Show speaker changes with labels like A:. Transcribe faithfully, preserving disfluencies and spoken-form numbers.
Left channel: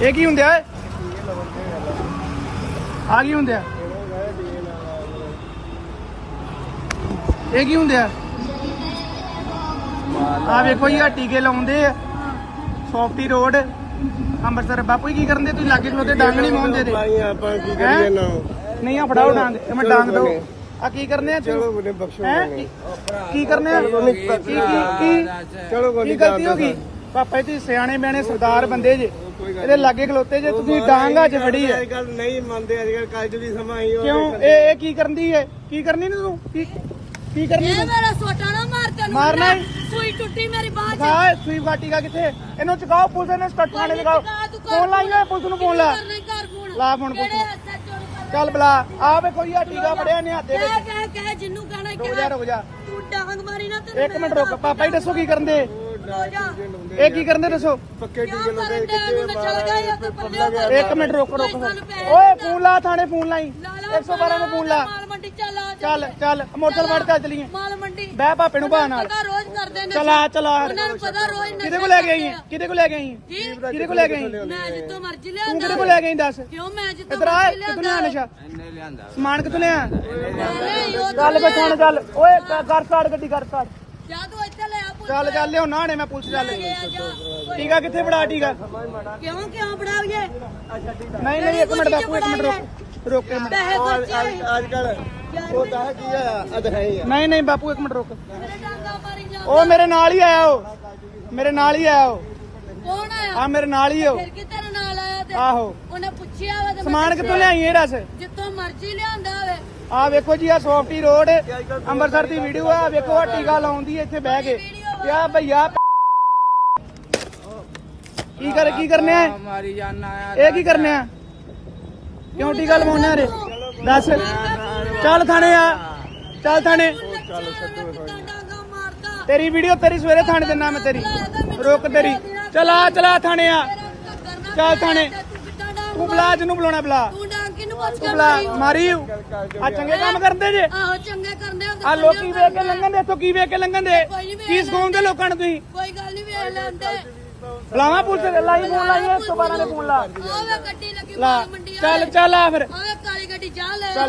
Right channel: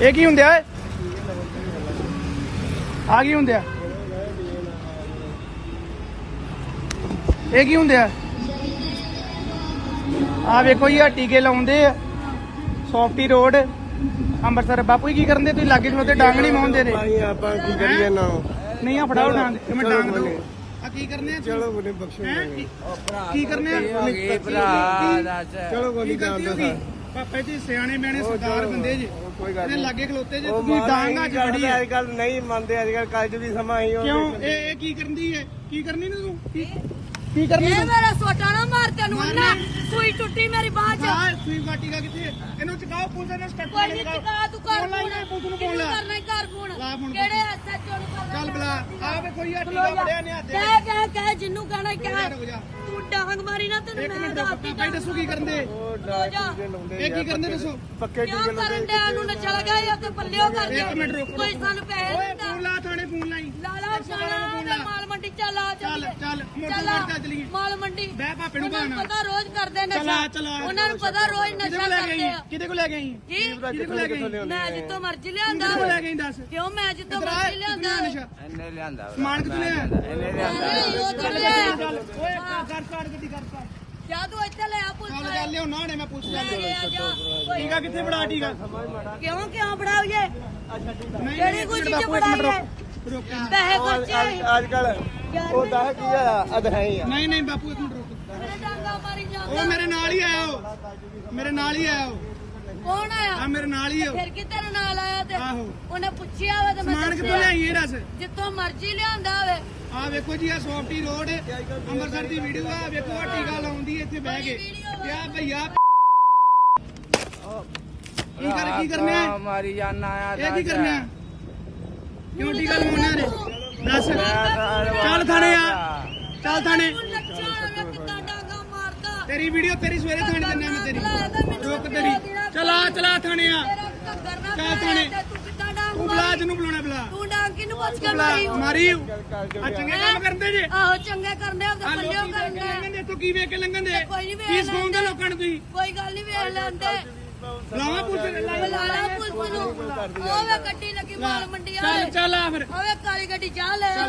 A: ਇਹ ਕੀ ਹੁੰਦਿਆ ਆ ਕੀ ਹੁੰਦਿਆ ਇਹ ਕੀ ਹੁੰਦਿਆ ਆ ਵੇਖੋ ਜੀ ਆ ਟੀਕੇ ਲਾਉਂਦੇ ਆ ਸੋਫਟੀ ਰੋਡ ਅੰਮ੍ਰਿਤਸਰ। ਬਾਪੂ ਜੀ ਕੀ ਕਰਨ ਦੇ ਤੁਸੀਂ ਲਾਗੇ ਨੂੰ ਤੇ ਡੰਗ ਨਹੀਂ ਮਾਉਂਦੇ ਦੇ
B: ਆਪਾਂ ਕੀ ਕਰੀਏ ਨਾ
A: ਨਹੀਂ ਆ ਫੜਾਓ ਡੰਗ ਇਹ ਮੈਂ ਡੰਗ ਦੋ ਆ ਕੀ ਕਰਨੇ ਆ
B: ਚਲੋ ਬਨੇ ਬਖਸ਼ੋ
A: ਕੀ ਕਰਨੇ ਆ
B: ਚਲੋ
A: ਕੀ ਗਲਤੀ ਹੋ ਗਈ ਪਾਪਾ ਜੀ ਸਿਆਣੇ ਬਿਆਣੇ ਸਰਦਾਰ ਬੰਦੇ ਜੇ ਇਹਦੇ ਲਾਗੇ ਖਲੋਤੇ ਜੇ ਤੁਸੀਂ ਡਾਂਗਾ ਚ ਫੜੀ ਹੈ
B: ਅੱਜ ਕੱਲ ਨਹੀਂ ਮੰਨਦੇ ਅੱਜ ਕੱਲ ਕੱਜ ਦੀ ਸਮਾਂ ਹੀ
A: ਕਿਉਂ ਇਹ ਇਹ ਕੀ ਕਰਨਦੀ ਹੈ ਕੀ ਕਰਨੀ ਨੀ ਤੂੰ ਕੀ ਕੀ ਕਰਨੀ
C: ਇਹ ਮੇਰਾ ਸੋਟਾ ਨਾ ਮਾਰ ਤੈਨੂੰ
A: ਮਾਰਨਾ
C: ਸੂਈ ਟੁੱਟੀ ਮੇਰੀ ਬਾਹ ਚ
A: ਹਾਂ ਸੂਈ ਬਾਟੀ ਕਾ ਕਿੱਥੇ ਇਹਨੂੰ ਚਕਾਓ ਪੁਲਿਸ ਨੇ ਸਟੱਟ ਵਾਲੇ ਲਗਾਓ ਫੋਨ ਲਾਈਏ ਪੁਲਿਸ ਨੂੰ ਫੋਨ ਲਾ ਲਾ ਫੋਨ ਚੱਲ ਬਲਾ ਆ ਵੇ ਕੋਈ ਆ ਟੀਕਾ ਬੜਿਆ ਨੇ ਹੱਥੇ
C: ਕਹਿ ਕਹਿ ਕਹਿ ਜਿੰਨੂੰ ਕਹਿਣਾ ਕਹਿ
A: ਰੁਕ ਜਾ
C: ਤੂੰ ਡਾਂਗ ਮਾਰੀ ਨਾ ਤੈਨੂੰ
A: ਇੱਕ ਮਿੰਟ ਰੁਕ ਪਾਪਾ ਜੀ ਦੱਸੋ ਕੀ ਕਰਨ ਦੇ ਇਹ ਕੀ ਕਰਨ ਦੇ ਦੱਸੋ
B: ਪੱਕੇ
C: ਟੀਕੇ ਲਾਉਂਦੇ ਨੂੰ ਨਾ ਚਲ ਗਏ ਆ ਤੇ ਪੱਲਿਓ ਕਰ
A: ਇੱਕ ਮਿੰਟ ਰੁਕ ਰੁਕ ਓਏ ਫੋਨ ਲਾ ਥਾਣੇ ਫੋਨ ਲਾਈ ਇੱਕ ਸੌ ਬਾਰਾਂ ਨੂੰ ਫੋਨ ਲਾ
C: ਮਾਲ ਮੰਡੀ ਚੱਲ ਆ
A: ਚੱਲ ਚੱਲ ਮੋਟਰ ਵੜ ਕੇ ਚਲੀਏ
C: ਮਾਲ ਮੰਡੀ
A: ਬਹਿ ਭਾਪੇ ਨੂੰ ਬਾਹ ਨਾਲ
C: ਪਤਾ ਰੋਜ਼ ਕਰਦੇ ਨੇ
A: ਚਲਾ ਚਲਾ
C: ਉਹਨਾਂ ਨੂੰ ਪਤਾ ਰੋਜ਼
A: ਕਿਹਦੇ ਕੋਲ ਲੈ ਗਈ ਕਿਹਦੇ ਕੋਲ ਲੈ ਗਈ
C: ਜੀ
A: ਕਿਹਦੇ ਕੋਲ ਲੈ ਗਈ
C: ਮੈਂ ਜਿੱਤੋਂ ਮਰਜ਼ੀ
A: ਤੂੰ
C: ਲਿਆਂਦਾ
A: ਕਿਹਦੇ ਕੋਲ ਲੈ ਗਈ ਦੱਸ
C: ਕਿਉਂ ਮੈਂ ਜਿੱਤੋਂ
A: ਇਧਰ ਆ
C: ਮਰਜ਼ੀ
A: ਕਿਤਨੇ
C: ਲਿਆਂਦਾ
A: ਨਸ਼ਾ
D: ਇਹਨੇ ਲਿਆਂਦਾ
A: ਸਮਾਨ ਕਿਤਨੇ ਆ
C: ਉਹ
A: ਚੱਲ ਬੈਠਾਣ ਚੱਲ ਓਏ ਕਰ ਸਟਾਰਟ ਗੱਡੀ ਕਰ ਸਟਾਰਟ
C: ਜਾ ਤੂੰ ਇੱਥੇ ਲੈ ਆ ਪੁੱਤ
A: ਚੱਲ ਚੱਲ ਲਿਓ ਨਾ ਨੇ ਮੈਂ ਪੁਲਿਸ ਚੱਲ
C: ਜਾ
A: ਟੀਕਾ ਕਿੱਥੇ ਫੜਾ ਟੀਕਾ
C: ਕਿਉਂ ਕਿਉਂ ਫੜਾਉਏ
A: ਨਹੀਂ ਨਹੀਂ ਇੱਕ ਮਿੰਟ ਬਾਪੂ ਇੱਕ ਮਿੰਟ ਰੁਕ ਰੁਕ ਇੱਕ ਮਿੰਟ।
C: ਪੈਸੇ ਖਰਚੇ
B: ਅੱਜ ਕੱਲ ਉਹ ਦੱਸ ਕੀ ਆ ਅਧ ਹੈ ਹੀ ਆ
A: ਨਹੀਂ ਨਹੀਂ ਬਾਪੂ ਇੱਕ ਮਿੰਟ ਰੁਕ
C: ਮੇਰੇ ਡਾਂਗਾ ਮਾਰੀ ਜਾ
A: ਉਹ ਮੇਰੇ ਨਾਲ ਹੀ ਆਇਆ ਉਹ ਮੇਰੇ ਨਾਲ ਹੀ ਆਇਆ ਉਹ
C: ਕੌਣ ਆਇਆ
A: ਆ ਮੇਰੇ ਨਾਲ ਹੀ ਉਹ
C: ਫਿਰ ਕਿ ਤੇਰੇ ਨਾਲ ਆਇਆ ਤੇ
A: ਆਹੋ
C: ਉਹਨੇ ਪੁੱਛਿਆ ਵਾ ਤੇ ਮੈਂ
A: ਸਮਾਨ ਕਿੱਥੋਂ ਲਿਆਈ ਇਹ ਦੱਸ
C: ਜਿੱਥੋਂ ਮਰਜ਼ੀ ਲਿਆਂਦਾ ਹੋਵੇ
A: ਆ ਵੇਖੋ ਜੀ ਆ ਸੌਫਟੀ ਰੋਡ ਅੰਮ੍ਰਿਤਸਰ ਦੀ ਵੀਡੀਓ ਆ ਵੇਖੋ ਆ ਟੀਕਾ ਲਾਉਂਦੀ ਇੱਥੇ ਬਹਿ ਕੇ ਤੇ ਆ ਭਈਆ ਕੀ ਕਰ ਕੀ ਕਰਨੇ ਆ
D: ਮਾਰੀ ਜਾਨਾ ਆ
A: ਇਹ ਕੀ ਕਰਨੇ ਆ ਕਿਉਂ ਟੀਕਾ ਲਵਾਉਣੇ ਰੇ ਦੱਸ ਚੱਲ ਥਾਣੇ ਆ ਚੱਲ ਥਾਣੇ
C: ਡਾਂਗਾ ਮਾਰਦਾ
A: ਤੇਰੀ ਵੀਡੀਓ ਤੇਰੀ ਸਵੇਰੇ ਥਾਣੇ ਦਿੰਦਾ ਮੈਂ ਤੇਰੀ ਰੁਕ ਤੇਰੀ ਚਲਾ ਚਲਾ ਥਾਣੇ ਆ ਚੱਲ ਥਾਣੇ ਤੂੰ ਬੁਲਾ ਜਿਹਨੂੰ ਬੁਲਾਉਣਾ ਬੁਲਾ
C: ਤੂੰ ਡਾਂਗ ਕਿਨੂੰ ਪੁੱਛ
A: ਤੂੰ
C: ਕੇ
A: ਬੁਲਾ
C: ਮਾਰੀ
A: ਮਾਰੀ ਆ ਚੰਗੇ ਕੰਮ ਕਰਦੇ ਜੇ
C: ਆਹੋ ਚੰਗੇ ਕਰਦੇ ਆ
A: ਆ ਲੋਕੀ ਵੇਖ ਕੇ ਲੰਘਣ ਦੇ ਇੱਥੋਂ ਕੀ ਵੇਖ ਕੇ ਲੰਘਣ ਦੇ ਕੀ ਸਿਖਾਉਂਦੇ ਲੋਕਾਂ ਨੂੰ ਤੁਸੀਂ
C: ਕੋਈ ਗੱਲ ਨਹੀਂ ਵੇਖ ਲੈਂਦੇ
A: ਬੁਲਾਵਾ ਪੁਲਿਸ ਲਾਈ ਫੋਨ ਲਾਈ ਇੱਕ ਸੌ ਬਾਰਾਂ ਦਾ ਫੋਨ ਲਾ
C: ਆਵੇ ਗੱਡੀ ਲੱਗੀ
A: ਲਾ
C: ਮਾਲ ਮੰਡੀ
A: ਚੱਲ ਚੱਲ ਆ ਫਿਰ
C: ਆਵੇ ਕਾਲੀ ਗੱਡੀ ਜਾ ਲੈ